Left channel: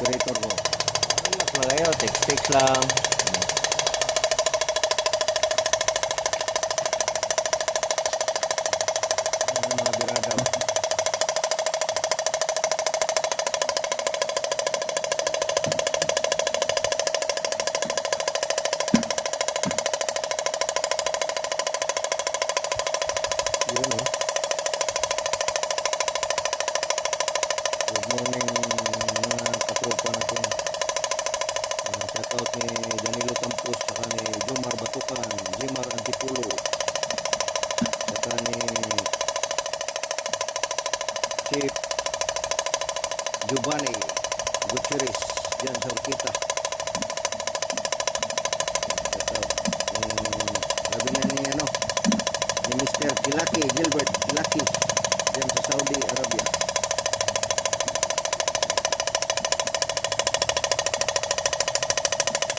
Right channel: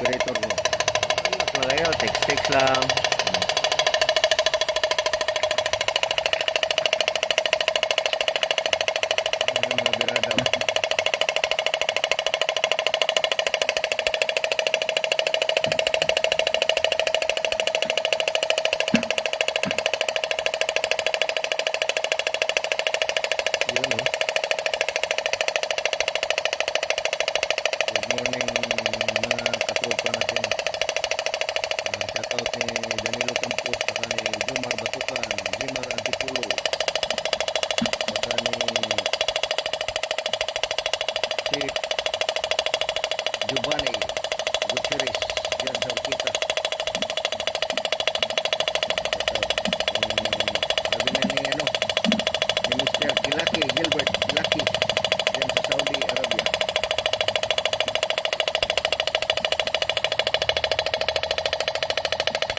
operator ko. Relax lang kayo, text lang. Ayan, mga birada. Yun, oh. Good morning mga katropa natin. Shoutout ni Danilo Campos, saka ni Jomar Batukan, Jimar Antipulo, saka ni si Giovanni Gutierrez dyan sa Orquita. Shoutout. Sabi na ni Mr. Kilaki, Gilbert Kilaki dyan sa Saudi Arabia.